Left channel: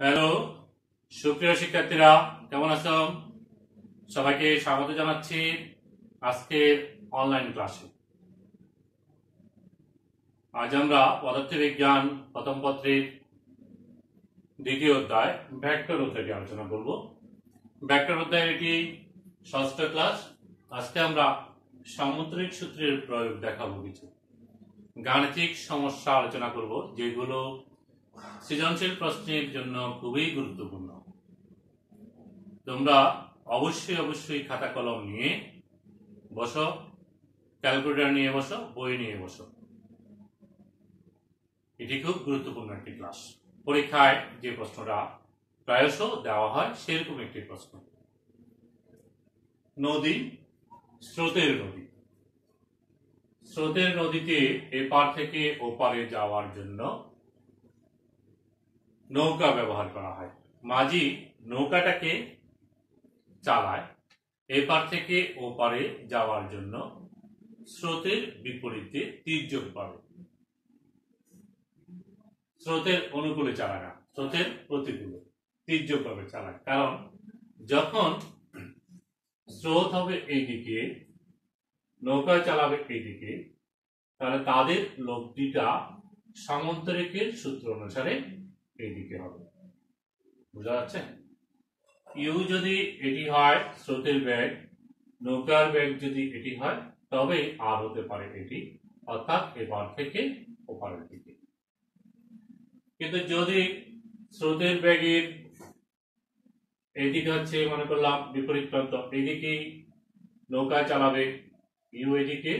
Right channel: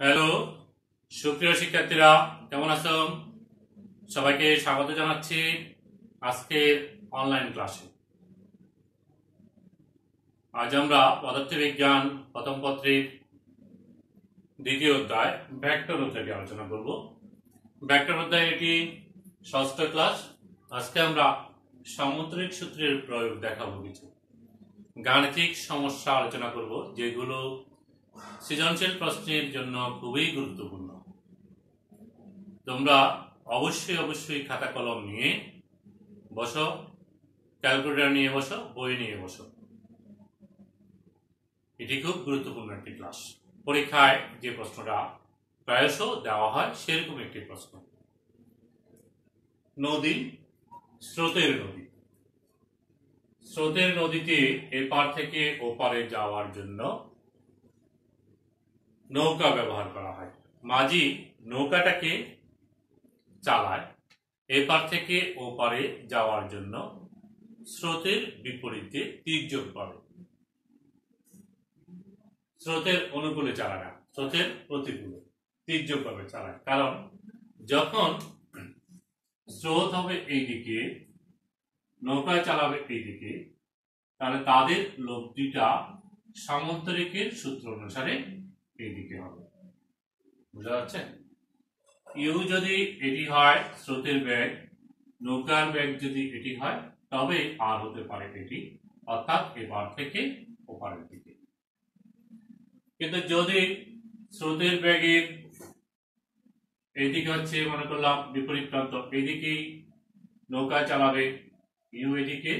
Hello, সুপ্রিয় শিক্ষার্থীরা, কেমন আছো? সবাইকে স্বাগত জানাচ্ছি আজকের অনলাইন ক্লাসে। আজ আমরা পদার্থবিজ্ঞান প্রথম পত্রের দ্বিতীয় অধ্যায় ভেক্টর অধ্যায়টি আলোচনা করব। ভেক্টর অধ্যায় এটি ষষ্ঠ ক্লাস। আজকে আমরা সামুদ্রিক সূত্রের প্রয়োগ দেখাবো, কিছু গাণিতিক সমস্যা আলোচনা করব যেগুলো সৃজনশীল প্রশ্নের জন্য খুবই গুরুত্বপূর্ণ। তোমরা অবশ্যই খাতা কলম নিয়ে বসো, ক্যালকুলেটর নিয়ে বসো, বই নিয়ে বসো। এটি খুব গুরুত্বপূর্ণ একটি ক্লাস। পরীক্ষায় যে প্রশ্নটা প্রায়শ দেওয়া হয় সেরকম একটি প্রশ্ন। নদী, স্রোতের নদী। স্রোতের নদীতে এপার থেকে ওপারে যাওয়ার জন্য নৌকা ব্যবহার করা হয়। মাঝি নৌকাটাকে চালায় এপার থেকে ওপারে যাওয়ার জন্য স্রোতের বিপরীতে তীর্যক পাবে। স্রোতের অনুকূলে চালায় না, স্রোতের প্রতিকূলে তীর্যক ভাবে চালায়। কারণ যখন স্রোত হবে এইদিকে, নৌকা চালাবে এইদিকে, তাহলে তাদের লব্ধিটা সামুদ্রিকের সূত্র অনুসারে এইদিকে হবে। বুঝা যাচ্ছে? ইউ যদি এটি হয় স্রোতের বেগ, নৌকার বেগ যদি এটি হয়, তবে আর হতে পারে এটি, অর্থাৎ এপার থেকে ওপারের দিকে। কিন্তু যদি স্রোতের বেগের এইদিকে হচ্ছে, মনে করলাম বিপরীত প্রান্ত, এইদিকেই নৌকা চালাবে, ইউ এদিকে,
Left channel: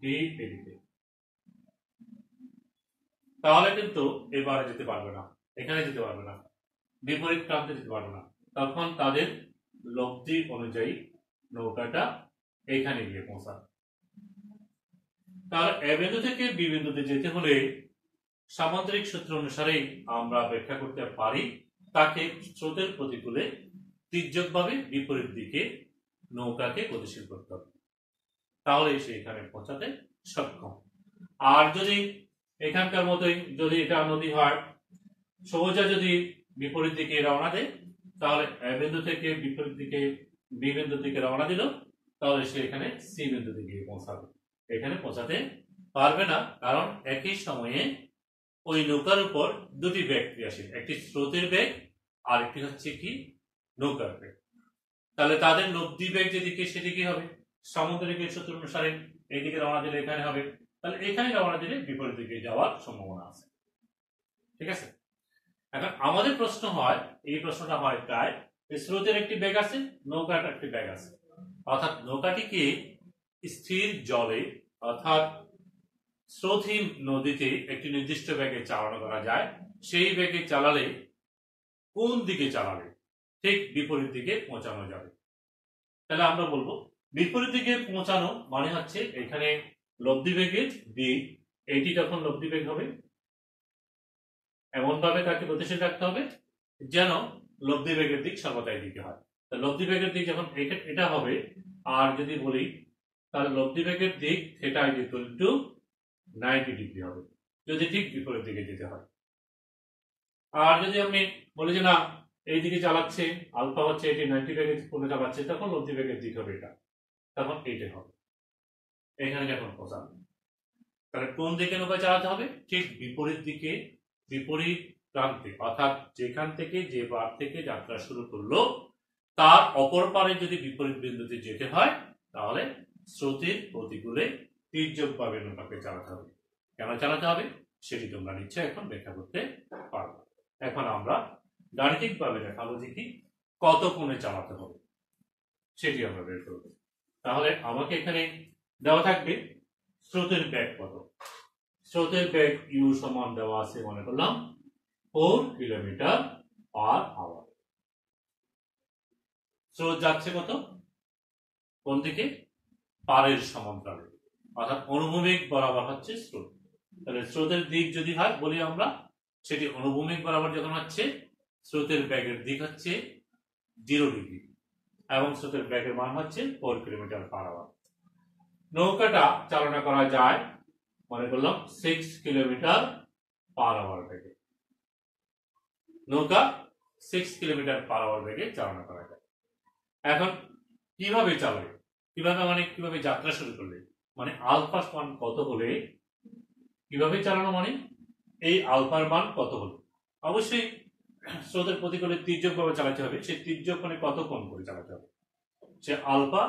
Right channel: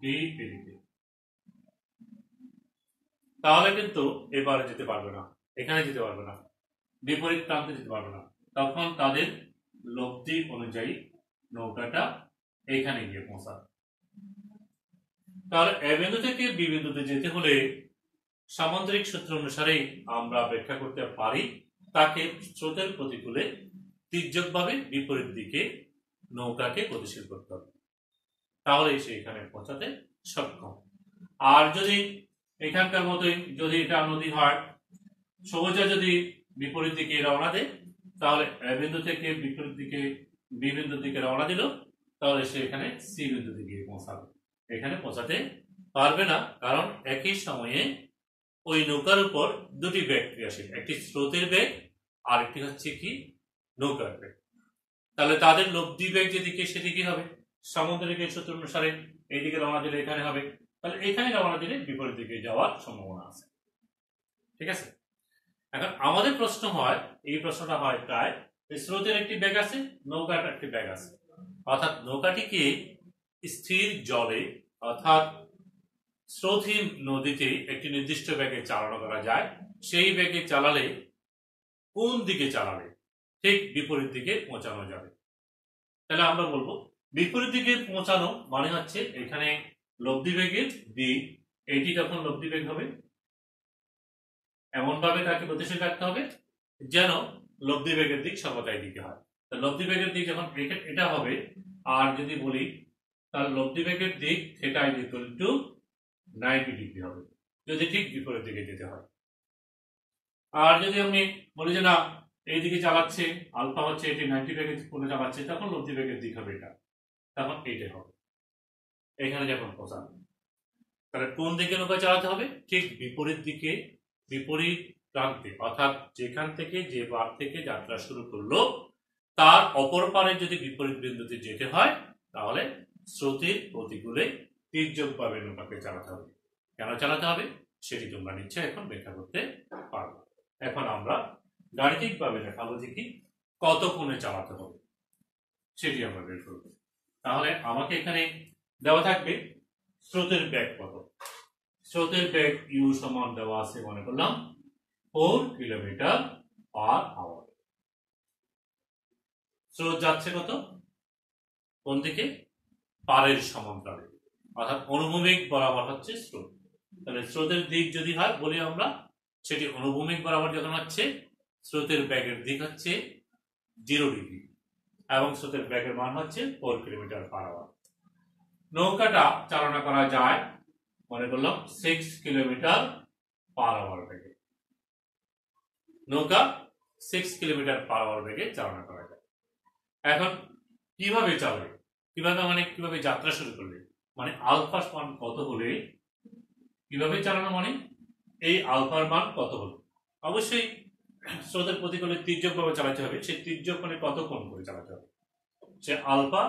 বি এদিকে, তাহলে কিন্তু এবারে যেতে পারবে না, এখানে যেতে পারবে না, বিপরীত প্রান্তে যেতে পারবে না। তখন তাদের লব্ধি অনুযায়ী নৌকাটা এখানে গিয়ে পৌঁছাবে। তাহলে এ বিন্দু থেকে বি বিন্দুতে যেতে হলে সামুদ্রিক সূত্র অনুসারে আমরা ব্যাখ্যা করতে পারি, তাকে স্রোতের প্রতিকূলে তীর্যকভাবে বিপরীত দিকে নৌকাকে গতিশীল করতে হবে, তাহলে সে এখানে পৌঁছাতে সক্ষম। আর যদি এখানকার মতোই যদি এটা নদী হয়, সোজা যদি বিপরীত দিকে রওনা দেয়, তাহলে এ বিন্দু থেকে বিপরীত দিকে বি বিন্দুর দিকে রওনা দিল, তাহলে সে এখানে সি বিন্দু দিকে পৌঁছাবে। এখানে পৌঁছাতে পারবে না, কারণ একই সময়ে ওই নৌকার উপর দুটি বেগ ক্রিয়াশীল, একটি স্রোতের বেগ আর একটি হচ্ছে কি নৌকার বেগ। তাহলে তাদের লব্ধি বেগ যেদিকে সেদিকে হবে। সামুদ্রিকের সূত্র অনুসারে এইদিকে রওনা দিলে এখানে হবে, তাহলে এখানে রওনা দিলে বিপরীত দিকে যাওয়ার সম্ভাবনা আছে। ঠিক আছে? এখন আমাদের প্রশ্ন হয়, এই প্রশ্নটা হয় প্রায়, স্রোতের একটি বেগ আছে, নৌকার একটি বেগ আছে, অর্থাৎ নৌকাটিকে স্থির জলে অর্থাৎ স্রোতহীন নদীতে একটি নির্দিষ্ট বেগে চালানো করা যায়। সেই বেগে চালালে কোন দিকে চালালে ঠিক বিপরীত দিকে পৌঁছানো যাবে। তাহলে আমরা বলবো বিপরীত দিকে পৌঁছানো মানে হচ্ছে এখানে লব্ধি বেগের দিক, এইটি যখন লব্ধি বেগ হবে এমন ভাবে তাকে গতিশীল রাখতে হবে যেন লব্ধি বেগের দিক সর্বদা এদিকে হয়। লব্ধি বেগের দিক যখন এটা হবে, আর যদি বলি তাহলে লব্ধি বেগের দিক theta is equal two 90 degree হবে যদি ঠিক বিপরীত দিকে যেতে হয়। আর যদি আমি বলি যে না এই দিকে চালাচ্ছে, আলফা হচ্ছে এটি 90 বেগে কোণে চালাচ্ছে, তখন লব্ধি বেগের দিক হবে এটা, তখন এইটাই হবে এখানে যখন পৌঁছাবে। তাহলে কোন দিকে নৌকা চালাতে হবে? ঠিক বিপরীত দিকে, বিপরীত প্রান্তে, অর্থাৎ যেখান থেকে যে পার থেকে যাত্রা শুরু করলো তার অপর পারে যদি বিপরীত বিন্দুতে যেতে হয়, তাহলে স্রোতের প্রতিকূলে তীর্যকভাবে নৌকাকে চালাতে হবে। কেন চালাতে হবে সেটি তোমরা নিশ্চয় এখন ব্যাখ্যা করতে পারবে। এখন আমরা গাণিতিকভাবে দেখাবো যে কি কত কোণে চালাতে হবে সেটি আমরা বের করব। তাহলে আমাকে এখানে দেওয়া থাকবে স্রোতের বেগ কত। স্রোতের বেগ ইউ সমান দেওয়া আছে, মনে করলাম 4 কিলোমিটার পার আওয়ার। স্রোত যাচ্ছে কত? কোন দিকে? পারের সমান্তরালে, অর্থাৎ অনুভূমিক বরাবর হচ্ছে স্রোত। তাহলে স্রোতের দিক যদি হয় বলি আমরা, সেটি অনুভূমিক বরাবর যখন হচ্ছে, স্রোতের বেগের দিক হচ্ছে 0 ডিগ্রি এবং স্রোতের বেগের মান হচ্ছে 4 কিলোমিটার পার আওয়ার। নৌকাটা চালনা করা যায় মনে করলাম 6 কিলোমিটার পার আওয়ার বেগে। নৌকা 6 কিলোমিটার/আওয়ার বেগে চালনা করা যায়। এখন কিভাবে চালাবে, কিভাবে যাত্রা শুরু করলে, মানে আলফা মান কত হলে কিভাবে চালানো, মানে এই আলফার মান কত হলে অবশ্যই স্রোতের প্রতিকূলে তির্যকভাবে চালাতে হবে। সেই তির্যক মানে কত কোণ করে চালাতে হবে, সে আলফা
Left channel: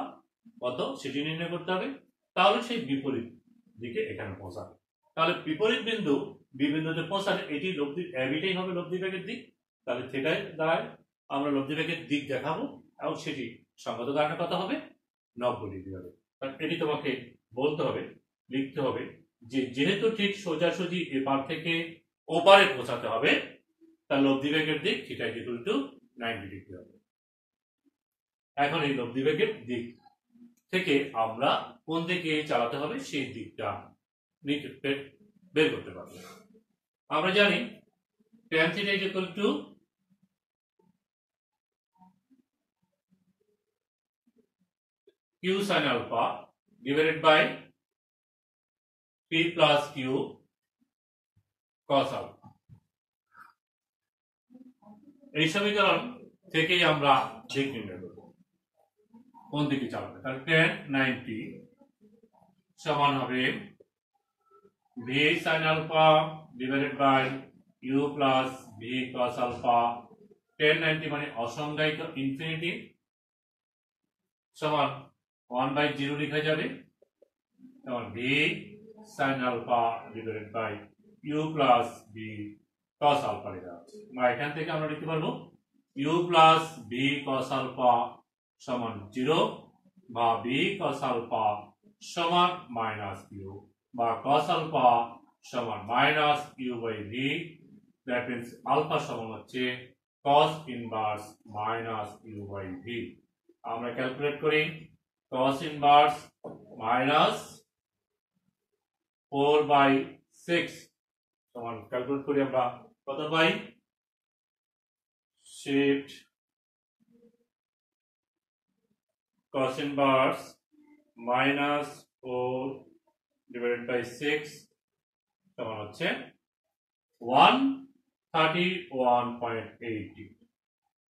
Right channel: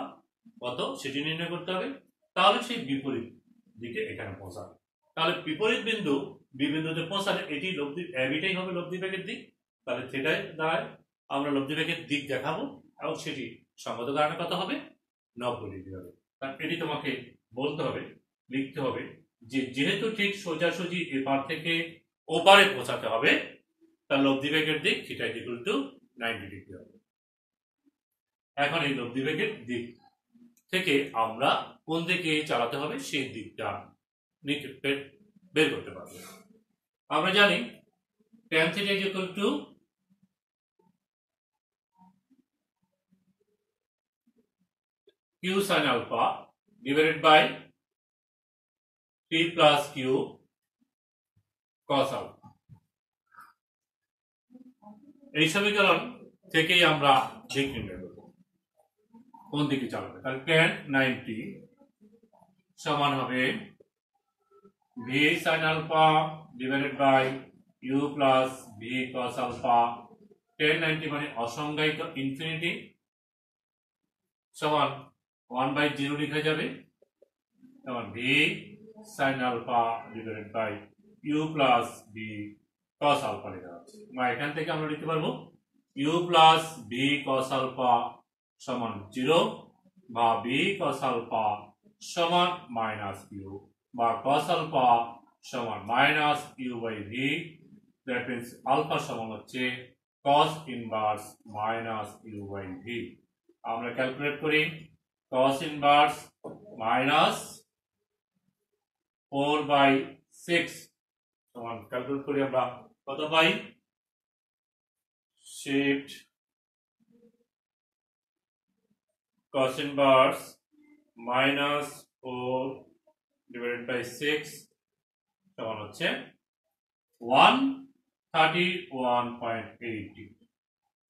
কত সেটি নির্ণয় করতে হবে। তাহলে সেই বিপরীত দিকে এখানে পৌঁছাবে। তাহলে বিপরীত বিন্দু বিন্দুতে পৌঁছালে এটি লব্ধি এবিটাই হবে লব্ধি বেগের দিক। তাহলে থিটায় দ্বারায় আমরা লব্ধি বেগের দিক দেখাবো এবং সেটি সঙ্গত কারণে কত হবে, 90 ডিগ্রি হবে। কারণ এটি তোমাকে বলতে হবে, লিখতে হবে যে যেহেতু ঠিক সোজাসুজি এপার থেকে ওপারে পৌঁছাতে হবে, তার লব্ধি বেগের দিক থিটা ইকুয়াল টু 90 ডিগ্রি হবে। এখন এই লব্ধি বেগের দিক থেকে আমরা কোন দিকে চালাতে হবে সেই দিকটা বের করতে পারবো। আমরা জানি tan theta equal to q sin alpha divided by p plus q cos alpha। এই সমীকরণ থেকেই আমরা দিক নির্ণয় করব কোন দিকে চালাবে। তাহলে tan 90 সমান হবে v sin alpha divided by u plus v cos alpha। tan 90 মানে অসংজ্ঞায়িত ইনফিনিটি সমান 1/0 লেখা যাবে, যেমন v sin alpha divided by u plus v cos alpha লেখা আছে। এখান থেকে আমরা লিখতে পারবো u plus v cos alpha সমান 0 বা v cos alpha সমান মাইনাস u বা cos alpha সমান minus u by v। That means alpha সমান হচ্ছে cos inverse minus u by v। আমরা ক্যালকুলেট করি cos ইনভার্স মাইনাস 4/6 সমান ক্যালকুলেট করি আমরা কত পাই, shift cos inverse minus 4 divided by 6 সমান হচ্ছে 131.80।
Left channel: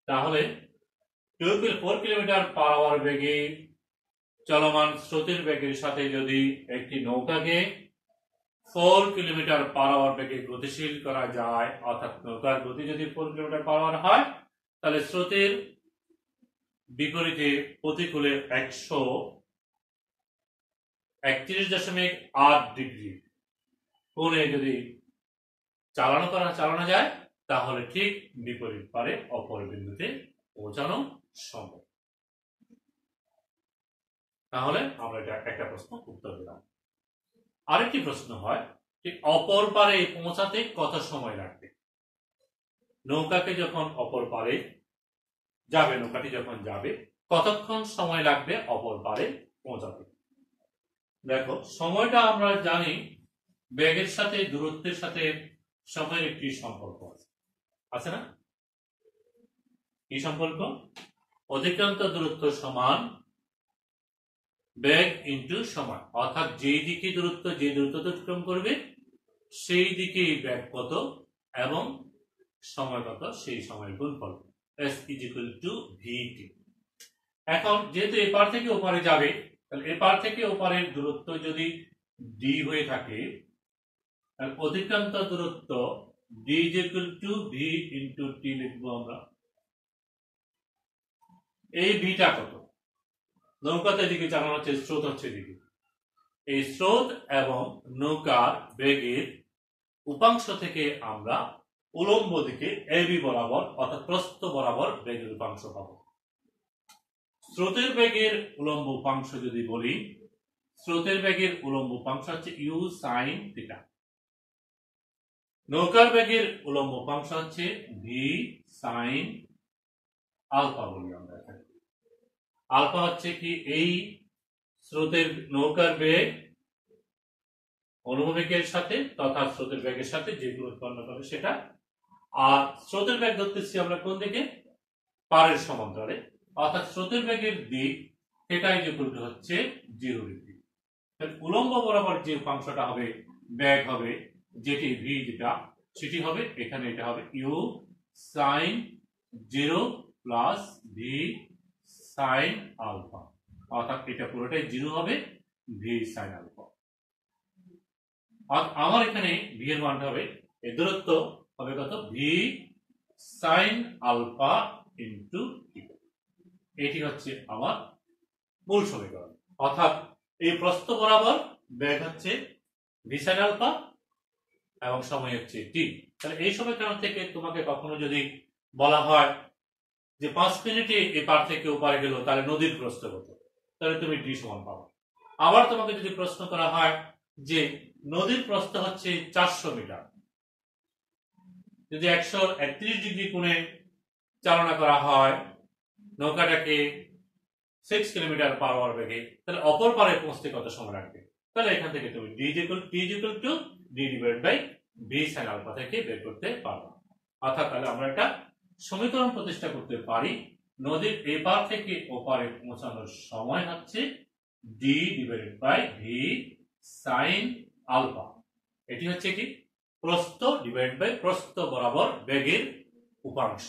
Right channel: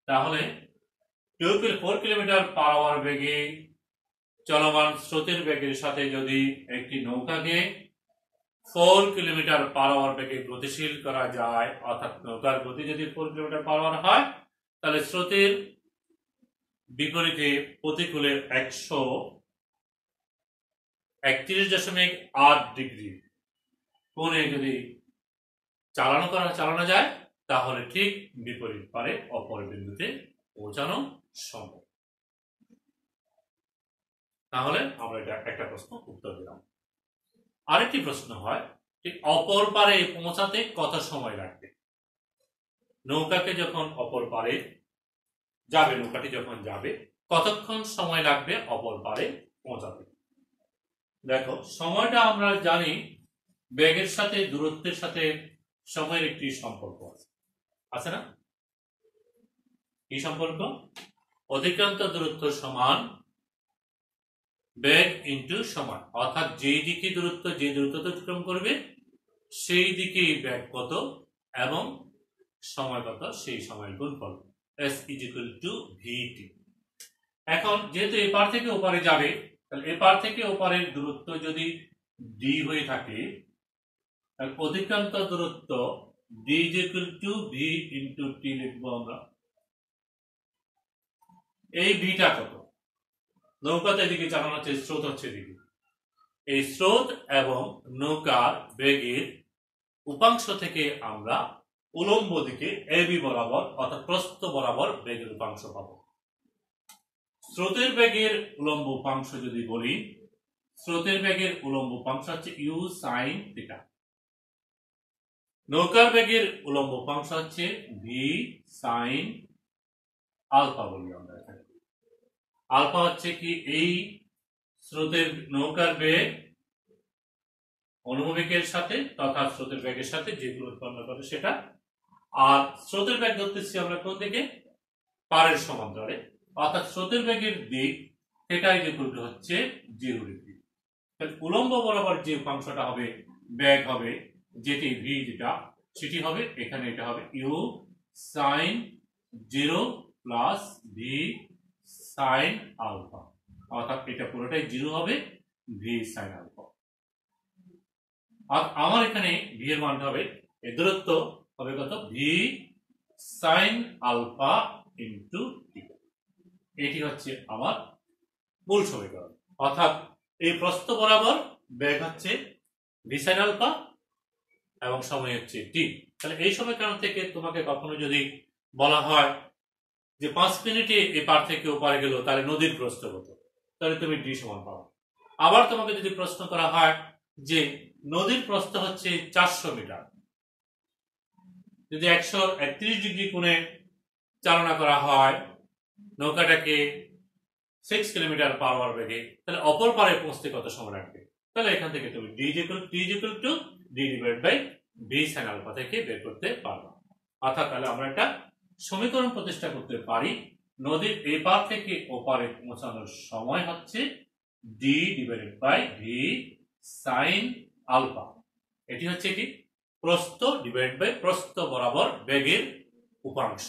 তাহলে 4 কিলোমিটার/আওয়ার বেগে চলমান স্রোতের বেগের সাথে যদি একটি নৌকাকে 4 কিলোমিটার/আওয়ার বেগে গতিশীল করা যায়, অর্থাৎ নৌকার গতি যদি 4 কিলোমিটার/আওয়ার হয়, তাহলে স্রোতের বিপরীতে প্রতিকূলে 131.8 ডিগ্রি কোণে যদি চালানো যায়, তাহলে ঠিক বিপরীত পারে অপর বিন্দুতে পৌঁছানো সম্ভব। তাহলে আমরা এটা একটা প্রশ্ন উত্তর দিলাম। আরেকটি প্রশ্ন হয় ঠিক অপর পারে পৌঁছাতে কত সময় লাগবে। নৌকাকে যখন অপর পারে যাবে, নৌকাটি যখন যাবে কতক্ষণ সময় লাগবে অপর পারে পৌঁছাতে। দেখো সময়টা আমরা জানি বেগের সাথে দূরত্বের সাথে সময়ের একটি সম্পর্ক আছে না? কি সম্পর্ক? অতিক্রান্ত দূরত্ব সমান বেগ ইন্টু সময়, অর্থাৎ যে দূরত্ব অতিক্রম করবে সেই দিকে বেগ কত এবং সময় কত, সেই সময় গুণফল s is equal to vt। এখন যেহেতু এপার থেকে ওপারে যাবে, তাহলে এপার থেকে ওপারের দূরত্ব যদি d হয়ে থাকে, তাহলে অতিক্রান্ত দূরত্ব d is equal to v into t লিখবো আমরা। এই ভিটা কত? নৌকাতে দিকে চালানো হচ্ছে, স্রোত হচ্ছে দিকে। এই স্রোত এবং নৌকার বেগের উপাংশ থেকে আমরা উলম্ব দিকে এবি বরাবর অর্থাৎ প্রস্থ বরাবর বেগের উপাংশ পাবো। স্রোতের বেগের উলম্ব উপাংশ যদি বলি, স্রোতের বেগের উলম্ব উপাংশ হচ্ছে ইউ সাইন থিটা। নৌকার বেগের উলম্ব উপাংশ হচ্ছে ভি সাইন আলফা বলি আমরা এখানে। আলফা হচ্ছে কি এই স্রোতের নৌকার বেগ অনুভূমিকের সাথে তথা স্রোতের বেগের সাথে যেগুলো উৎপন্ন করে সেটা। আর স্রোতের বেগ ধরতেছি আমরা কোন দিকে? পারের সমান্তরালে, অর্থাৎ স্রোতের বেগের দিক সেটাই যে হচ্ছে 0 ডিগ্রি। উলম্ব বরাবর যে উপাংশটা হবে বেগ হবে যেটি ভি, যেটা সেটি হবে এখানে, এটা হবে u sine 0 plus v sine alpha, অর্থাৎ এটা পুরোটাই 0 হবে ভি সাইন আলফা। আর আমার এখানে ভি এর মান হবে, এই দূরত্ব হবে কত, ভি সাইন আলফা ইন্টু টি। এটি হচ্ছে আমার মূল সমীকরণ। অর্থাৎ এই প্রস্থ বরাবর বেগ হচ্ছে ভি সাইন আলফা এবং সময় হচ্ছে টি। তাহলে এই সমীকরণ থেকে তোমাকে কখনো যদি বলা হয় যে 5 মিনিটে এপার থেকে ওপারে গেল, তাহলে নদীর প্রস্থ কত, তাহলে তুমি ডি সমান পাবে। আবার তোমাকে যদি প্রশ্ন করা হয় যে নদীর প্রস্থ হচ্ছে 400 মিটার, যদি 131 ডিগ্রি কোণে চালনা করা হয় নৌকাটাকে 6 কিলোমিটার পার আওয়ার বেগে, তাহলে অপর পারে পৌঁছতে কত সময় লাগবে? তাহলে এখান থেকে তুমি d divide by v sin alpha থেকে বের করতে পারবে। অর্থাৎ তাহলে আমরা একটা সমীকরণ প্রতিষ্ঠা করতে পারি, নদীর এপার থেকে ওপারে পৌঁছানোর সময় হচ্ছে d divided by v sin alpha. এটি হচ্ছে কি প্রস্থ ডিভাইড বাই প্রস্থ বরাবর বেগের উপাংশ।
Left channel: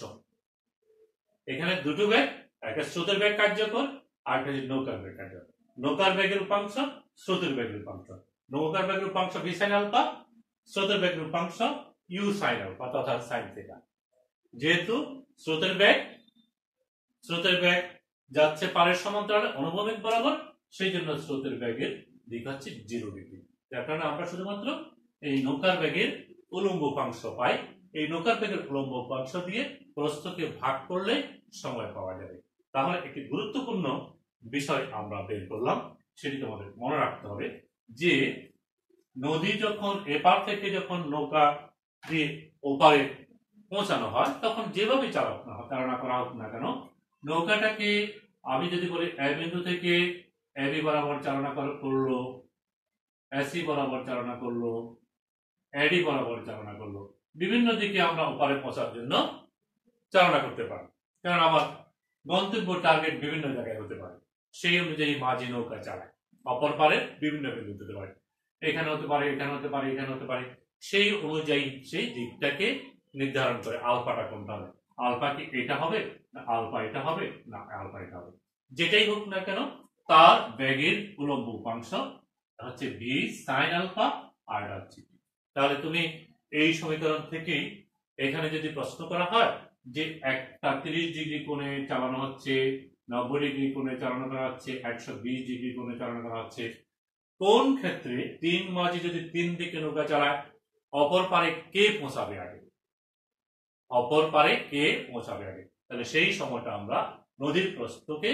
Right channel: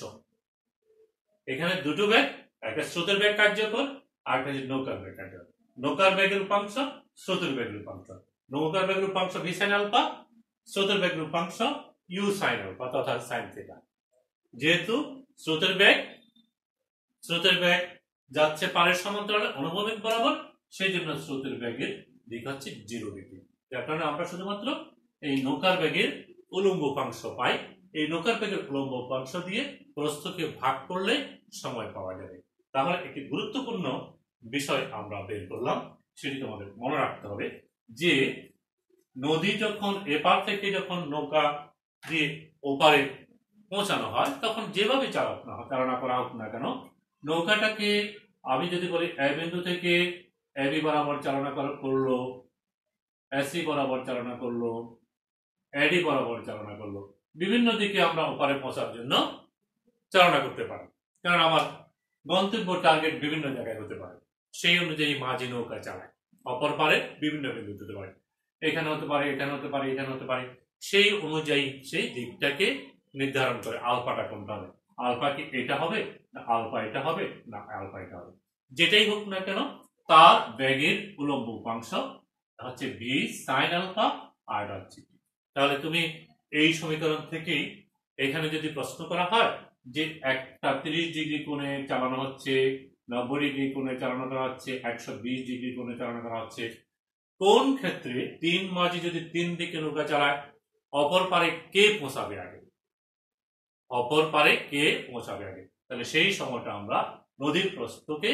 এখানে দুটো বেগ, একটা স্রোতের বেগ কার্যকর আর একটা হচ্ছে নৌকার বেগ কার্যকর। নৌকার বেগের উপাংশ, স্রোতের বেগের উপাংশ। নৌকার বেগের উপাংশ ভি সাইন আলফা, স্রোতের বেগের উপাংশ ইউ সাইন আলফা তথা সাইন থিটা। যেহেতু স্রোতের বেগ যাচ্ছে পারের সমান্তরালে অনুভূমিক বরাবর, সেই জন্য স্রোতের বেগের দিক হচ্ছে 0 ডিগ্রি। যার কারণে আমরা শুধুমাত্র এই নৌকার বেগের উলম্ব উপাংশ পাই। এই নৌকার বেগের উলম্ব উপাংশ দিয়ে প্রস্থকে ভাগ করলে সময় পাওয়া যাবে। তাহলে একটি গুরুত্বপূর্ণ বিষয় আমরা বের করলাম, সেটি তোমাদের মনে রাখতে হবে যে নদী যখন এপার থেকে যখন নৌকা দিয়ে ওপারে পৌঁছানো হয়, তখন যেভাবে চালনা করা হোক না কেন, নৌকাটাকে আমি যদি বলি এ বিন্দু থেকে এবি বরাবর চালনা করলো, এসি বরাবর চালনা করলো, এডি বরাবর চালনা করলো, বিভিন্ন দিকে আমরা ওপারে পৌঁছার জন্য চালনা করতে পারি। কারণ আমার গন্তব্য টার্গেট বিভিন্ন জায়গায় হতে পারে, সেই অনুযায়ী মাঝি নৌকা চালায়। অপর পারে বিভিন্ন বিন্দু হতে পারে, এখানে হতে পারে, এখানে হতে পারে, এখানে হতে পারে। সেই অনুযায়ী সেই দিকটাকে নির্ধারণ করে আলফাটা কোনটা হবে, আলফা কি এটা হবে না আলফা এটা হবে না আলফা এটা হবে, যেটাই হোক না কেন তার বেগের উলম্ব উপাংশ হচ্ছে ভি সাইন আলফা আর হচ্ছে। তাহলে তুমি এই সমীকরণ থেকেই এখানে যদি প্রশ্ন করা হয় যে একটা 30 ডিগ্রি কোণে চালানো হচ্ছে, 90 ডিগ্রি কোণে চালানো করা হচ্ছে, 120 ডিগ্রি কোণে চালানো করা হচ্ছে, কোন ক্ষেত্রে তিন মাঝি যদি তিন দিকে নৌকা চালায়, অপর পারে কে পৌঁছাবে আগে, অপর পারে কে পৌঁছাবে আগে। তাহলে সেই সময়টা আমরা নদীর প্রস্থকে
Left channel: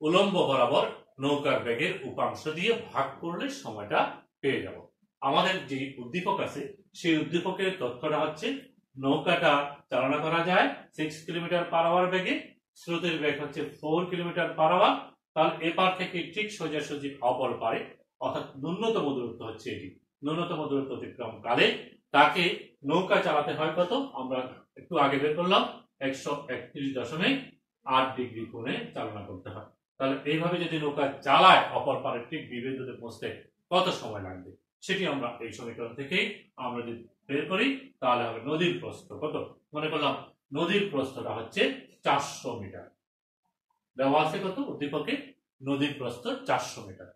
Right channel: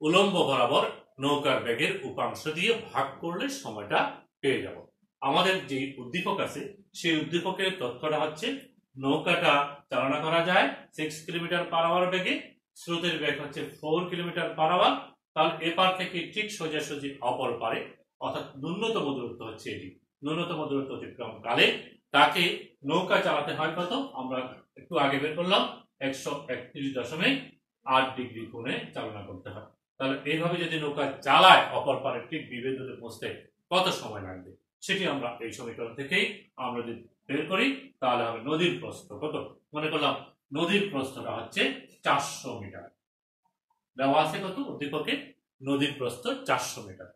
উলম্ব বরাবর নৌকার বেগের উপাংশ দিয়ে ভাগ করলে সময়টা পেয়ে যাব। আমাদের যে উদ্দীপক আছে সেই উদ্দীপকের তথ্যটা হচ্ছে নৌকাটা চালনা করা যায় 6 কিলোমিটার পার আওয়ার বেগে, স্রোতের বেগ হচ্ছে 4 কিলোমিটার পার আওয়ার। তাহলে এপার থেকে ঠিক সোজাসুজি অপর পারে, অর্থাৎ ন্যূনতম দূরত্ব হচ্ছে এটি। ন্যূনতম দূরত্ব অতিক্রম কালে তাকে নৌকা চালাতে হয় কত, আমরা একটু আগে বের করলাম, 131.8 ডিগ্রি কোণে চালনা করতে হয়। তাহলে এইভাবে যদি নৌকা চালায় অপর পারে ঠিক বিবিন্দুতে পৌঁছতে কত সময় লাগবে, সেটি আমরা এই সমীকরণ থেকেই আমরা যদি বের করি, তাহলে হবে নদীর প্রস্থ কত। মনে করলাম নদীর প্রস্থটা হচ্ছে 400 মিটার দেওয়া আছে কত উদ্দীপকে, নদীর প্রস্থ 400 মিটার।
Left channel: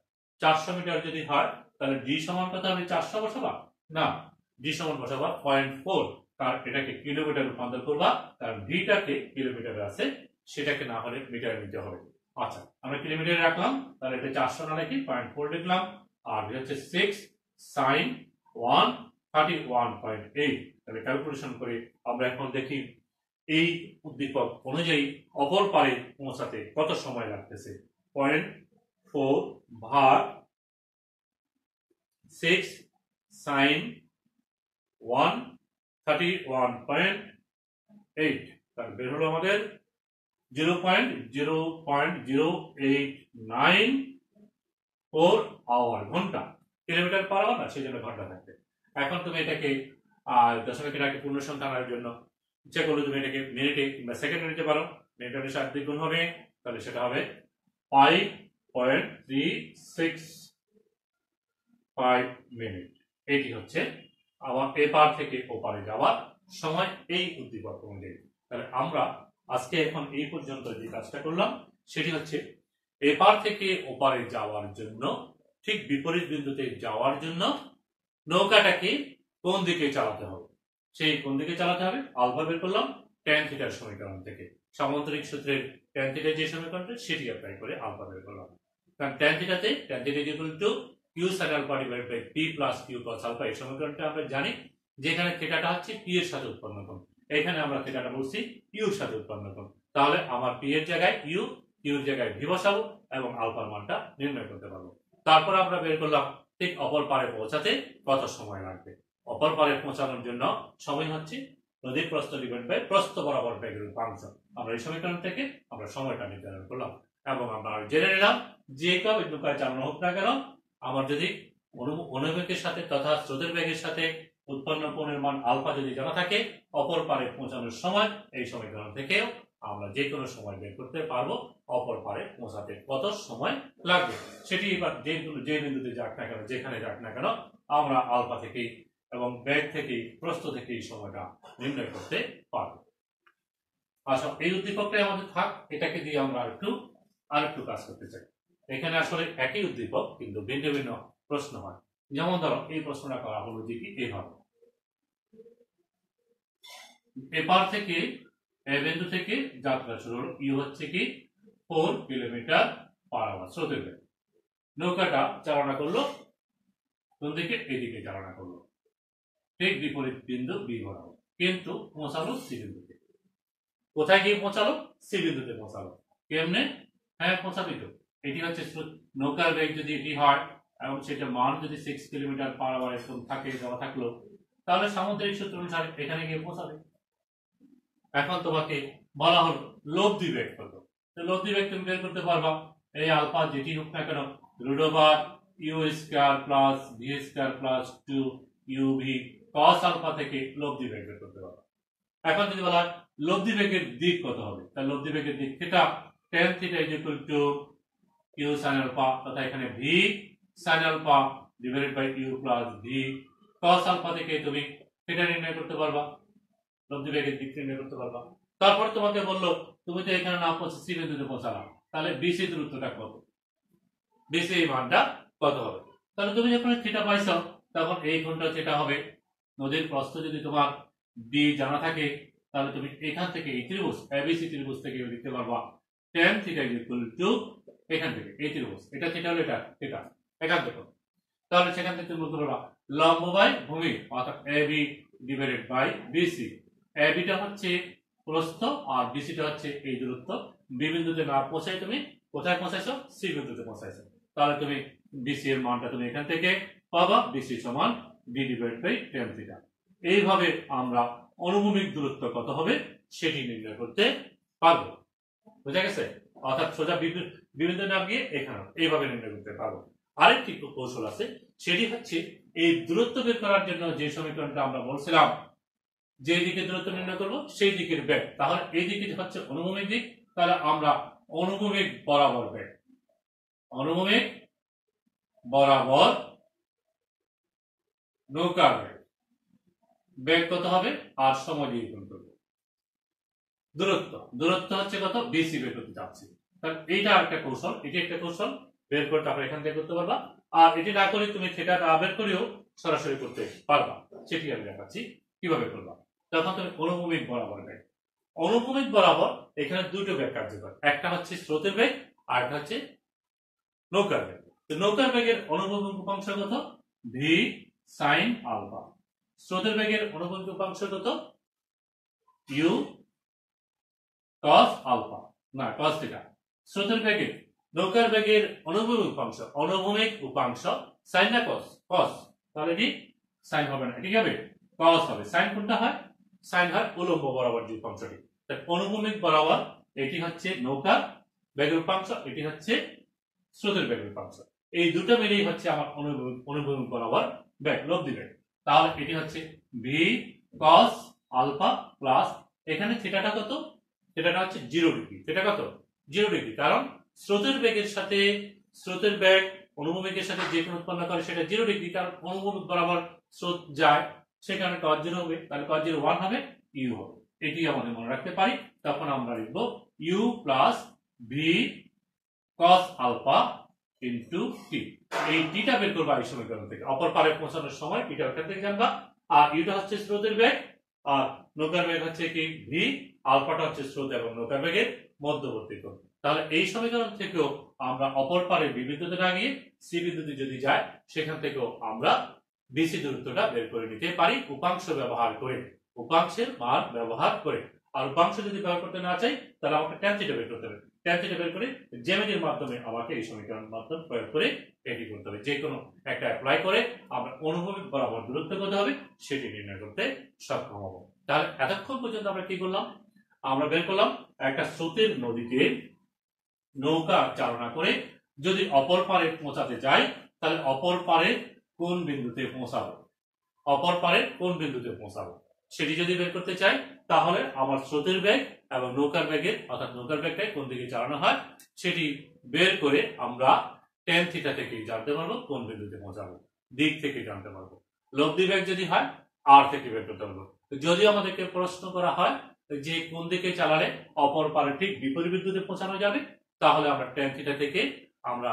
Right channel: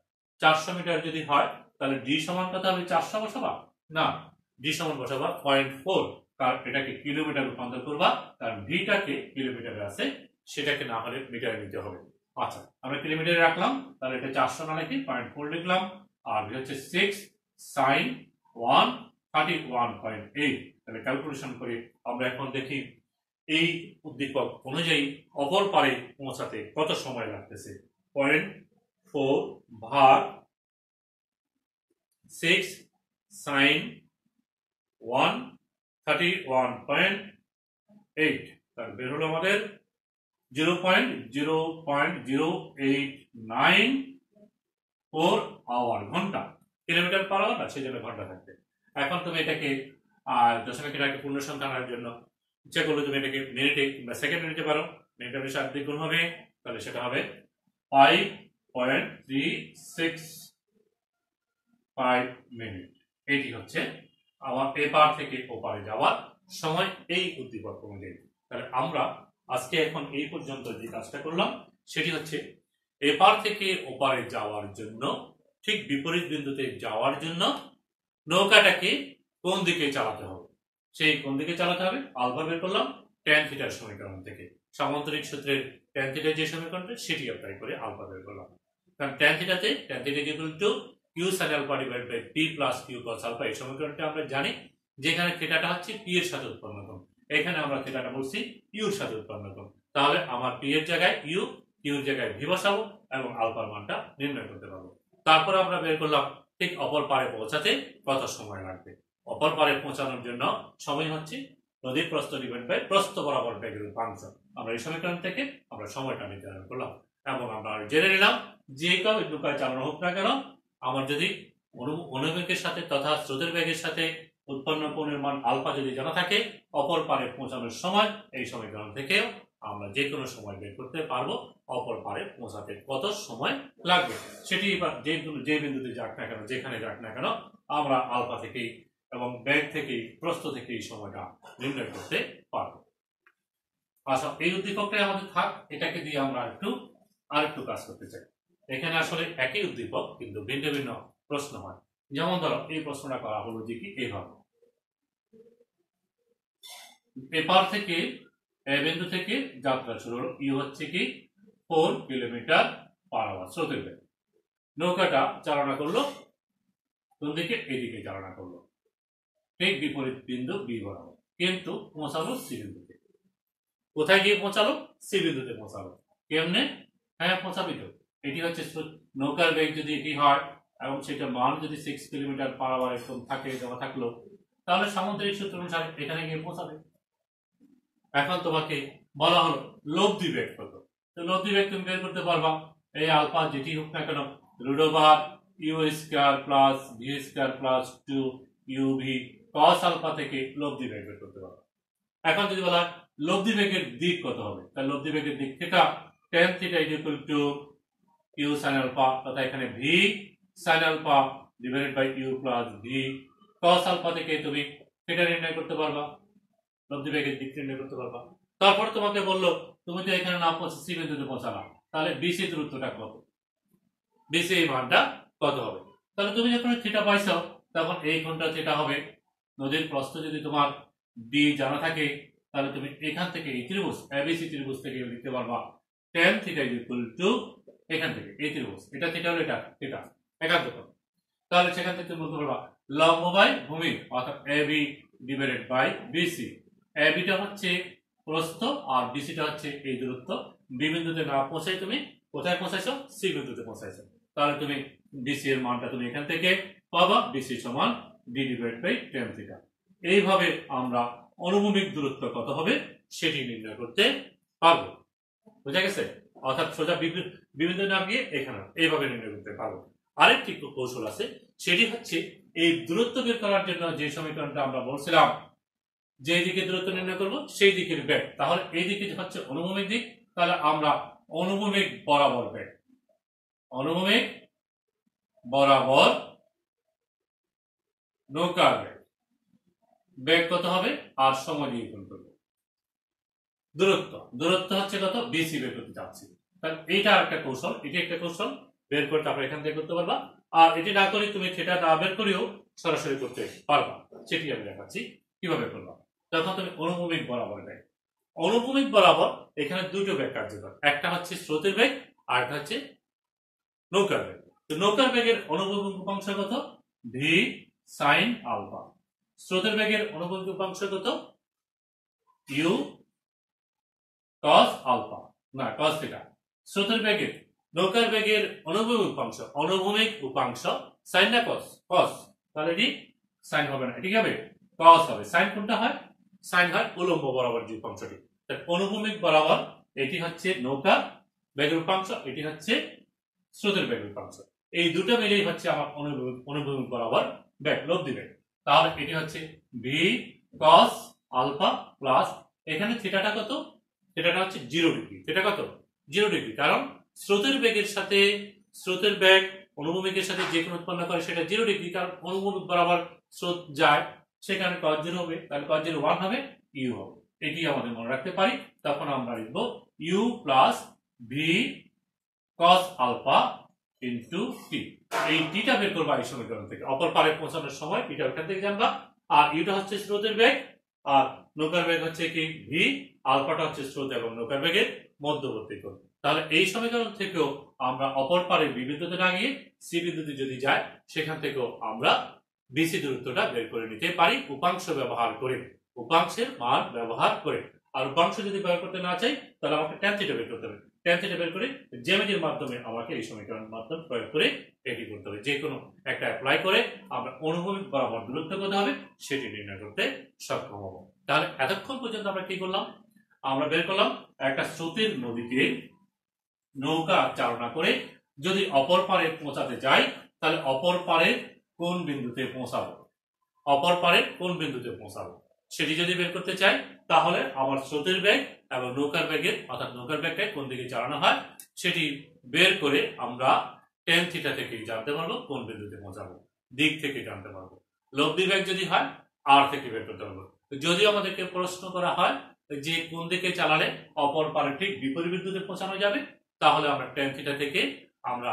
400 মিটার যদি হয় তাহলে ডি সমান কত হবে, 400 বসাবা না, ডি সমান বসাবা 0.4, কারণ এটাকে কিলোমিটার রূপান্তর করবা, কারণ ডিটাকে কিলোমিটারে আছে, সেটাকে না হলে মিটারে নিতে হবে। আচ্ছা, আমরা কিলোমিটারে রাখলাম, তাহলে এটা 400 না লিখি 0.4 লিখলাম, আর হচ্ছে 6 sin 131.8। তাহলে ক্যালকুলেশন করে আমরা এখন দেখি এই উদ্দীপক অনুযায়ী অপর পারে পৌঁছাতে কত সময় লাগতেছে। 0.4 ভাগ 6 sin 131.8, তাহলে বের হলো আমাদের 0.00894 আওয়ার, ঘন্টা। কিলোমিটার পার আওয়ার না, সেই জন্য ঘন্টা থাকবে। এখন তুমি এটাকে দশমিকের আগে পূর্ণ সংখ্যা আনার জন্য ইচ্ছা করলে তুমি এটাকে মিনিটে কিংবা সেকেন্ডে নিতে পারো। মিনিটে 7 দিয়ে গুণ হবে, তাহলে সেটা হবে 5.365 মিনিট। এটি হচ্ছে আমার এপার থেকে ওপারে যাওয়ার সময় এই উদ্দীপক অনুযায়ী। তাহলে আমরা আজকে এখন এই পর্যন্ত যে কাজটা করলাম সেটি হচ্ছে এপার থেকে ওপারে যাওয়ার জন্য ঠিক বিপরীত বিন্দুতে যাওয়ার জন্য নৌকাটাকে কোন দিকে চালাতে হবে, সেই কোন দিকে চালাতে হবে আলফা বের করলাম ট্যান থিটার সমীকরণ থেকে। সামান্তরিক সূত্রের ট্যান থিটার যে সমীকরণটা সেটি অ্যাপ্লাই করে আলফা বের করলাম। কারণ ট্যান থিটাতে tan theta equal to Q sine alpha divide by P plus Q cos alpha, এই সমীকরণটা আমরা জানি যেখানে থিটাটা হচ্ছে পি এর সাথে উৎপন্ন কোণ, এখানে আমরা থিটাটা বলছি ইউ এর সাথে উৎপন্ন কোণ। তাহলে আমার পি এর জায়গায় ইউ, কিউ এর জায়গায় ভি বসাবো এবং আলফার মানটা নির্ণয় করতে পারবো। তারপর আমরা বের করলাম ঠিক অপর পারে পৌঁছাতে কত সময় লাগবে। অপর পারে পৌঁছানোর জন্য সময় হচ্ছে নদীর প্রস্থ ডিভাইড বাই প্রস্থ বরাবর বেগের উপাংশ। আমরা এই সমীকরণ থেকে আমরা সময়টা নির্ধারণ করলাম এবং আমরা জেনে নিলাম যে কেউ নৌকায় চালানো হোক না কেন আমার যদি অনুবেগের সাথে তথা স্রোতের বেগের সাথে উৎপন্ন কোণের মান আলফা যদি জানা থাকে অপর পারে পৌঁছানোর সময় এই সমীকরণ থেকেও আমরা যে কোনো সময় বের করতে পারবো অপর পারে পৌঁছাতে কত সময় লাগবে। সেটি এবার যে বিন্দুতে যাক না কেন যেখানে যাক না কেন আমরা আলফা থেকেই এবং বেগ থেকেই প্রস্থ থেকেই সময়টা নির্ণয় করতে পারবো। আচ্ছা, এই উদ্দীপকটাই আমাদের থাক, এটাকে দিয়ে আমরা আরেকটু কাজ করতে চাই। এখানে আসলে একই উদ্দীপক কিন্তু ভিন্ন ভিন্ন প্রশ্ন হয়। যেমন ধরো এই প্রশ্নটা করা হলো যে কি এইভাবে, এপার থেকে বিন্দু থেকে যাত্রা শুরু হলো, ইউ হচ্ছে কি 4 কিলোমিটার পার আওয়ার স্রোতের বেগ। নৌকাটা চালনা করলো কোন দিকে, এদিকে চালনা করলো ঠিক বিপরীত বিন্দু বি বরাবর, কিন্তু পৌঁছালো সি বিন্দুতে। কোথায় গিয়ে পৌঁছালো? সি বিন্দুতে পৌঁছালো। কেমনে? হ্যাঁ পৌঁছাবি তো, এটি হচ্ছে নৌকার বেগ যদি এটি হয় এবং সেটা মান যদি 6 কিলোমিটার পার আওয়ার এরকম থাকে জমা থাকলো, তাহলে সামুদ্রিক সূত্র অনুসারে এখানে গিয়ে পৌঁছাবে। এখন তোমাকে বলা হলো লব্ধি বেগ কত, তো লব্ধি বেগ তুমি বের করতে পারবা এই আলফা যেটি হোক না কেন root over u square plus v square plus 2 u v cos alpha থেকে লব্ধি বেগ বের করতে পারবা। এখন যদি বলা লব্ধি বেগের দিক কত হবে, তাহলে লব্ধি বেগের দিক theta tan theta is equal to u sin alpha, তথা এখানে v sin alpha divided by u plus v cos alpha থেকে তুমি থিটা নির্ণয় করতে পারবা, লব্ধি বেগের দিক নির্ণয় করতে পারবা। তারপর তোমাকে বললো তুমি তো এখানে না পৌঁছে সি বিন্দুতে পৌঁছালাম, তাহলে বিসি দূরত্বটা কত, বিসি এই মানটা কত হবে। তাহলে তুমি যখন থিটা পাইছো তখন এই কোণটা থিটা হবে। নদীর প্রস্থ যদি তোমার বি জানা থাকে তাহলে তুমি এখান থেকে এই ত্রিভুজ এবিসি ত্রিভুজ থেকে লিখতে পারবা tan থিটা ইকুয়াল টু এখান থেকে এই ত্রিভুজ এটা থিটা হলো এটা থিটা এখান থেকে, তাহলে সেখান থেকে তুমি বলতে পারবা লম্ব বাই ভূমি অর্থাৎ এবি ডিভাইডেড বাই বিসি। এবিটা হচ্ছে প্রস্থ আর বিসিটা হচ্ছে এই দূরত্ব। বি বিন্দুতে না পৌঁছাই তুমি কোথায় পৌঁছাইছো? সি বিন্দুতে পৌঁছাইছো, তাহলে তুমি বিসি এর মানটা তুমি এখান থেকে পাবা বিসি সমান B divide by tan theta. এইভাবে আমরা অনুভূমিক দূরত্ব কত হবে সেটি নির্ণয় করতে পারবো। বুঝা গেছে? অর্থাৎ সোজা বিন্দু না গিয়ে এখানে এইভাবে নির্ণয় করতে পারবো। আরেকটি কৌশল আছে, সেটি হচ্ছে এই দূরত্ব বের করার জন্য যে সমীকরণটা আমরা বলছিলাম যে দিকে দূরত্ব নির্ণয় করব সেই দিকের বেগ, তাহলে এই দিকে হচ্ছে অনুভূমিক দিক, তাহলে আমরা অনুভূমিক বরাবর বেগ, অনুভূমিক বরাবর নৌকার বেগ, বেগ কত হবে আর সময় দিয়ে গুণ করব। দূরত্ব হচ্ছে কত, বিসি বের করতে যাচ্ছি, তাহলে এইটা একটা কৌশল, এটি একটা কৌশল বের করতে আমরা এখান থেকে করতে পারবা। আর এটি না করে তুমি সেটা না বের করেও সরাসরি করতে পারবা, সেটি আমি দেখাচ্ছি কিভাবে করবা। তখন তুমি অনুভূমিক বরাবর বেগ, অনুভূমিক বরাবর এখানে দুটো বেগ কার্যকর, একটা হচ্ছে স্রোতের বেগ আর একটা হচ্ছে নৌকার বেগ। তো নৌকার বেগের অনুভূমিক উপাংশ কত, ভি সাইন আলফা। স্রোতের বেগের অনুভূমিক উপাংশ কত, ইউ cos আলফা না cos থিটা। স্রোতের বেগের নৌকার বেগের অনুভূমিক উপাংশ সাইন না cos, cos, তাহলে এটি সাইন হবে না, ঠিক হবে cos হবে। সাইন কোনটা হয়? সাইন হয় উলম্ব বরাবর যে উপাংশটি। তাহলে অনুভূমিক বরাবর এটি হচ্ছে নৌকার বেগের উপাংশ, এটি হচ্ছে স্রোতের বেগের উপাংশ। এই দুটো মিলেই হচ্ছে আমার অনুভূমিক বরাবর বেগ, লব্ধি বেগ। তাহলে এটি হচ্ছে ভি cos আলফা প্লাস এখানে থিটাটা কত, থিটাটা হচ্ছে 0 ডিগ্রি। থিটা কত? 0 ডিগ্রি, কারণ স্রোতের বেগের সাথে স্রোতের বেগ অনুভূমিকের সাথে যে কোন উৎপন্ন করে সেটা 0 ডিগ্রি, কারণ অনুভূমিক বরাবর স্রোত যায় সেখানে cos 0 হবে, তাহলে cos 0 1 হবে, ইউ হবে। এটি আমাদের মনে রাখতে পারি, তখন আমরা লিখব U plus V cos alpha into T. এই টিটা বের করবো এই সমীকরণ থেকে, অপর পারে পৌঁছানোর সময় এটা ওখান থেকে জানবা। আর ইউটা হচ্ছে স্রোতের বেগ, আর নৌকার বেগ হচ্ছে কি ভি, আলফাটা হচ্ছে স্রোত এবং নৌকার বেগের মধ্যবর্তী কোণ। তাহলে এই সমীকরণ থেকেও আমরা অপর পারে বি বিন্দুতে না গিয়ে সি বিন্দুতে যদি যায়, সেখান থেকেও আমরা বিসি দূরত্বটা বের করে নিতে পারি উপাংশ ব্যবহার করে, উপাংশের মান ব্যবহার করে। আর উপাংশ যদি ব্যবহার করতে না চাই, তাহলে আমাকে ট্যান থিটা বের করতে হবে। ট্যান থিটা বের করে জ্যামিতির মাধ্যমে আমাকে এই সমীকরণ মাধ্যম প্রয়োগ করে এটি করতে হবে। যে কোনো একটা অ্যাপ্লাই করে আমরা অনুভূমিক বরাবর দূরত্ব কত হবে সেটি নির্ণয় করতে সক্ষম হব। তাহলে এতক্ষণ পর্যন্ত আমরা কি করলাম, আমরা বের করলাম একটা স্রোতের নদীতে নৌকা চালনা করে যদি অপর পারে পৌঁছাতে যাই, তাহলে অপর পারে কোন বিন্দুতে পৌঁছাবো, অপর পারে কোন বিন্দুতে পৌঁছাবো সেটি যদি বের করতে চাই, তাহলে আমার স্রোতের বেগ এবং নৌকার বেগের অর্থাৎ নৌকার বেগটাই কোন দিকে চালানো হয় সেটি বের করে আমরা ট্যান থিটা থেকে জানতে পারবো কোন বিন্দুতে পৌঁছাবো, দিক থেকে জানতে পারবো। লব্ধি বেগ যদি হয় আর থেকে বের করতে পারবো। যদি আমাদেরকে প্রশ্ন করা হয় যে কোন দিকে চালালে অপর পারে ঠিক বিপরীত বিন্দুতে পৌঁছানো যাবে, তাহলে আমরা ট্যান থিটা থেকে আমরা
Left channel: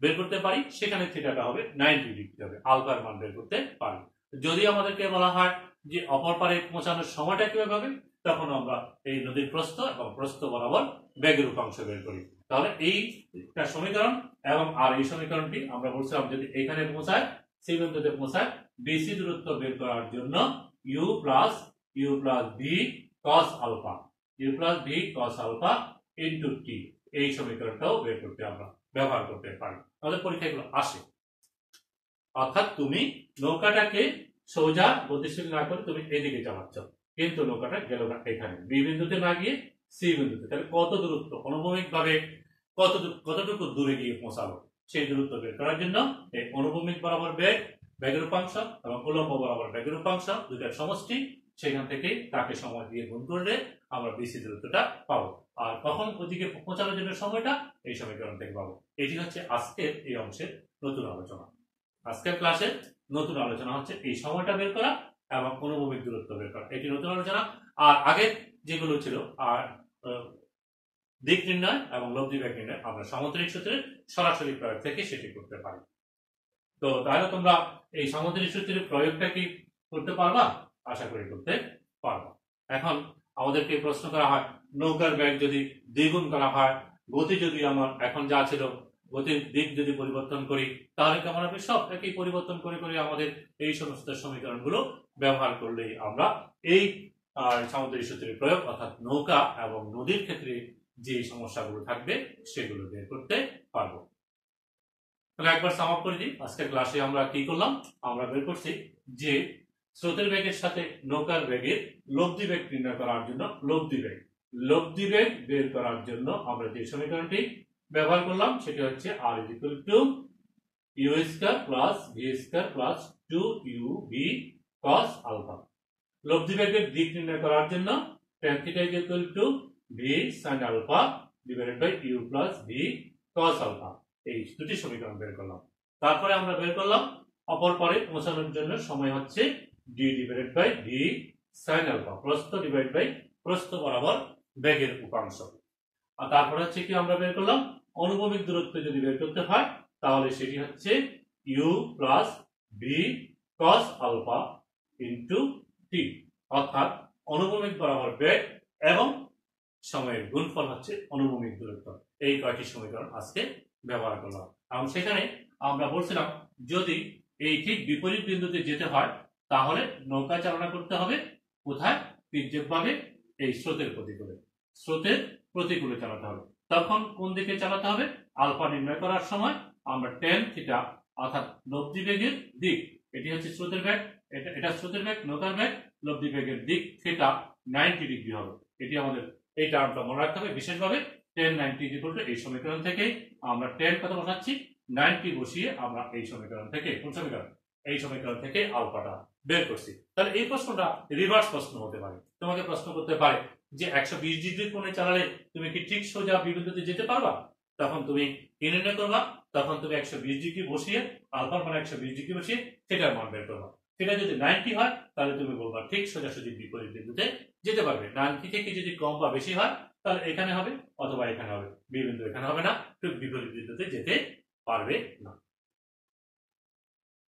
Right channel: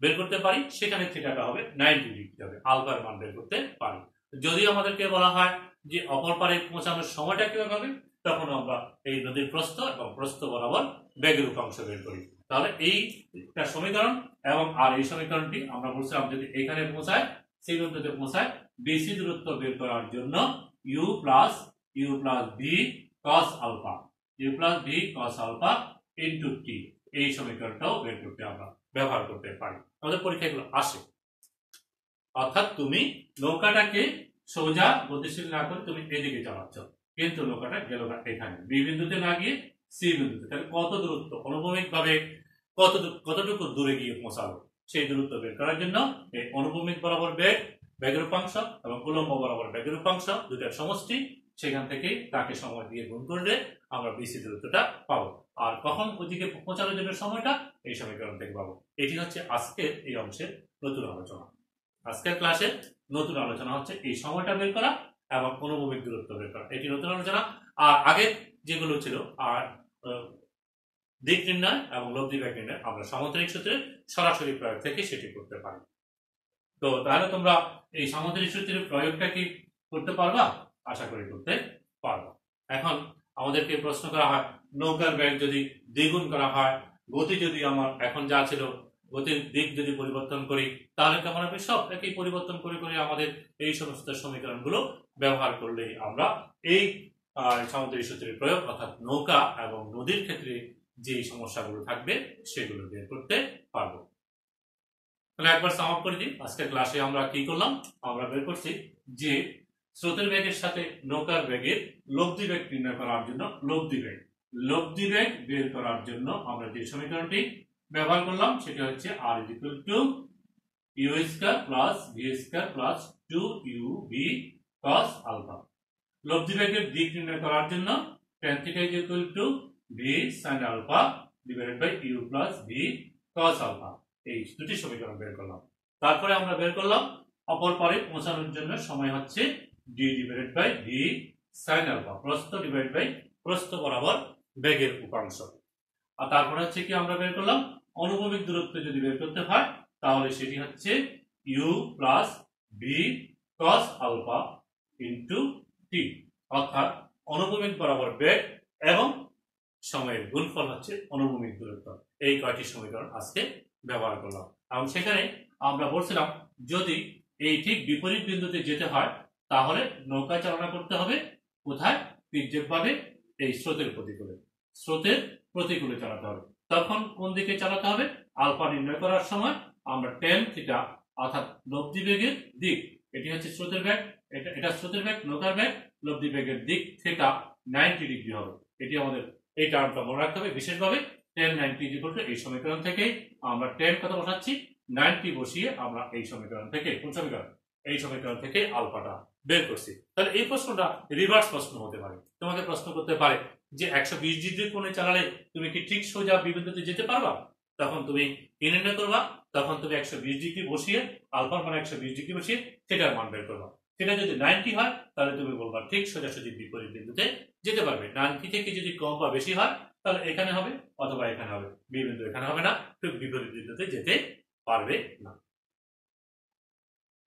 বের করতে পারি, সেখানে থিটাটা হবে 90 ডিগ্রি হবে, আলফার মান বের করতে পারি। যদি আমাদেরকে বলা হয় যে অপর পারে পৌঁছানোর সময়টা কিভাবে হবে, তখন আমরা এই নদীর প্রস্থ এবং প্রস্থ বরাবর বেগের উপাংশ বের করি। তাহলে এইটা সমীকরণ এবং আর এই সমীকরণটি আমরা বলছিলাম যদি এখানে পৌঁছায় সেই বিন্দুতে পৌঁছায় বিসি দূরত্ব বের করার জন্য U plus V cos alpha, U plus V cos alpha into T, এই সমীকরণটাও বের করতে আমরা ব্যবহার করতে পারি। আমাদের পরীক্ষাগুলো আসে, অর্থাৎ তুমি নৌকাটাকে সোজা গতিশীল না করে তুমি এদিকে চালাচ্ছ, কিন্তু নৌকাটা গেল এখানে বি বিন্দুতে না গিয়ে সি বিন্দুতে, তাহলে কত দূরত্ব অনুভূমিক ভাবে কতটুকু দূরে গিয়ে পৌঁছাবো সেই দূরত্ব বের করার জন্য এই অনুভূমিক বরাবর বেগ, বেগের উপাংশ এবং উল্লম্ব বরাবর বেগের উপাংশ দুটার সমষ্টি, সেখান থেকে তাকে সময় দিয়ে গুণ করলে আমরা বিসি দূরত্বটা পাবো। আর কখন ওদিকে পৌঁছানোর জন্য সময়টা এই সমীকরণ থেকে পাবো। এটি হচ্ছে আজকের এই অংশের নতুন আলোচনা। আজকের ক্লাসের নতুন আলোচনা হচ্ছে এই সময়টা বের করা এবং অনুভূমিক দূরত্ব বের করা, এটি নতুন আলোচনা। আর আগের যেগুলো ছিল আর দিক নির্ণয় এবং লব্ধি বেগ নির্ণয় আমরা সামুদ্রিক সূত্রের সরাসরি প্রয়োগ থেকে সেটি করতে পারি। তো তাহলে তোমরা এই সামুদ্রিক সূত্রের প্রয়োগটা কি করতে পারবা? আশা করি করতে পারবা। এখন আমাদেরকে প্রশ্ন করা হয় নৌকার বেগ যদি দ্বিগুণ করা হয়, গতি যদি আমার এখন যা ছিল গতির দিক যদি পরিবর্তন করি, তাহলে কেমন হবে? সব একই পরিবর্তন করে করে আমাদের এই সমস্ত সমীকরণগুলো ব্যবহার করলেই আমরা এই সামুদ্রিক সূত্রের প্রয়োগ অর্থাৎ নৌকা এবং নদীর ক্ষেত্রে যে সমস্যাগুলো থাকবে সেগুলো বের করতে পারবো। তাহলে একবার সাম আপ করে দিই। আজকের ক্লাসে আমরা কি করলাম, আমরা বের করছি যে স্রোতের বেগের সাথে নৌকার বেগের লব্ধি বেগ নির্ণয় করার জন্য লব্ধি বেগ বের করার জন্য আমরা যে সমীকরণটি ব্যবহার করলাম সেটি হচ্ছে r = u square plus v square plus 2uv cos alpha. লব্ধি বেগের দিক নির্ণয় করার জন্য tan θ = v sin alpha divided by u plus v cos alpha, এই দুটি সমীকরণ বের করলাম। তারপরে আমরা বের করলাম অপর পারে পৌঁছানোর জন্য সময় হচ্ছে d divided by v sin alpha, প্রস্থ ডিভাইডেড বাই প্রস্থ বরাবর বেগের উপাংশ। আর তারপরে হচ্ছে কি আমরা বের করলাম অনুভূমিক দূরত্ব যদি বের করতে হয় তাহলে সেটি হচ্ছে u plus v cos alpha into t, অর্থাৎ অনুভূমিক বরাবর বেগ এবং সময়ের গুণফল হচ্ছে অনুভূমিক দূরত্ব। এই কয়টি সমীকরণ আজকে ব্যবহার করলাম এবং সেখানে আমরা বলছিলাম যদি এই ঠিক বিপরীত বিন্দুতে যেতে হয় তাহলে নৌকা চালনা করতে হবে কোথায়? তির্যকভাবে এই স্রোতের প্রতিকূলে চালাতে হবে। তখন কোন দিকে চালাতে হবে? আলফা নির্ণয় করার সময় আমরা tan থিটা অর্থাৎ লব্ধি বেগের দিক, এটি হচ্ছে স্রোতের বেগ, এটা স্রোতের বেগ, নৌকার বেগ, লব্ধি বেগের দিক থেকে 90 ডিগ্রি হবে। এটি আমাদের এই টার্মটা মনে রাখতে হবে বিশেষভাবে। tan 90 এই সমীকরণ থেকে আমরা tan কত বসাচ্ছি 90 বসিয়ে আমরা এই সমীকরণ থেকে কোন সমীকরণ? এই সমীকরণ থেকে আলফাটা বের করছি। তাহলে এই প্রশ্নটা রিভার্স প্রশ্ন হতে পারে, তোমাকে প্রশ্ন করতে পারে যে 120 ডিগ্রি কোণে চালালে তুমি কি ঠিক সোজা বিন্দুতে যেতে পারবা? তখন তুমি কি নির্ণয় করবা? তখন তুমি 120 ডিগ্রি বসিয়ে আলফার মান 120 ডিগ্রি বসিয়ে থিটার মান বের করবা। সেটা যদি 90 হয় তাহলে তুমি বলবা ঠিক সোজাসুজি বিপরীত বিন্দুতে যেতে পারবে। 90 থেকে যদি কম বা বেশি হয় তাহলে এখানে হবে অথবা এখানে হবে, বি বিন্দু এখানে হবে না, ঠিক বিপরীত বিন্দুতে যেতে পারবে না।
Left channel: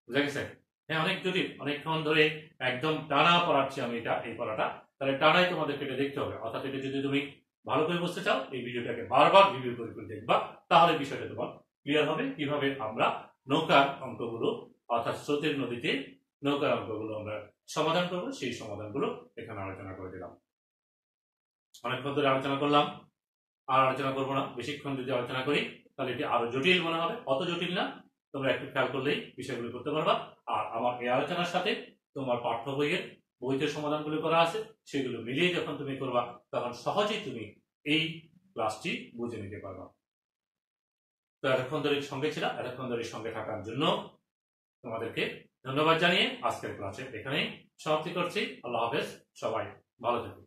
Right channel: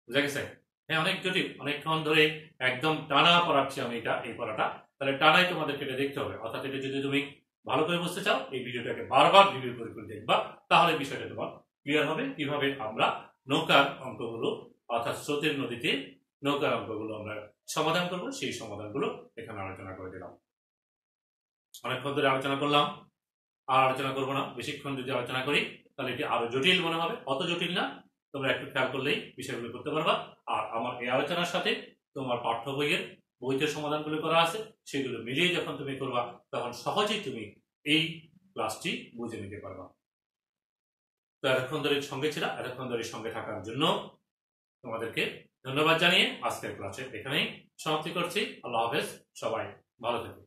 বুঝা গেছে? হ্যাঁ, অনেক জটিল, অনেকক্ষণ ধরে একদম টানা পড়াচ্ছি আমি এই পড়াটা, তাহলে টানাই তোমাদেরকে এটা দেখতে হবে। অর্থাৎ এটা যদি তুমি ভালো করে বুঝতে চাও এই ভিডিওটাকে বারবার রিভিউ করে দেখবা, তাহলে বিষয়টা তোমার ক্লিয়ার হবে কিভাবে আমরা নৌকার অঙ্কগুলো অর্থাৎ স্রোতের নদীতে নৌকার অঙ্কগুলো আমরা সমাধান করব, সেই সমাধানগুলো এখানে আলোচনা করে দিলাম। অনেকক্ষণ ধরে আলোচনা করলাম, আর আলোচনা করবো না। বেশিক্ষণ যদি আলোচনা করি তাহলে এটি আরো জটিল মনে হবে, অত জটিল না, তোমরা একটু খেয়াল করলেই বিষয়গুলো করতে পারবা। আর আমার এই আলোচনার সাথে তোমার পাঠ্য বইতে সমাধানগুলো করা আছে, সেগুলো মিলিয়ে যখন তুমি করবা তখন সহজেই তুমি এই ক্লাসটি বুঝে নিতে পারবা। তো এতক্ষণ ধরে সঙ্গে ছিল, এতক্ষণ ধরে সঙ্গে থাকার জন্য তোমাদেরকে ধন্যবাদ জানিয়ে আজকের ক্লাসে এখানেই সমাপ্তি করছি। আল্লাহ হাফেজ, সবাই ভালো থেকো।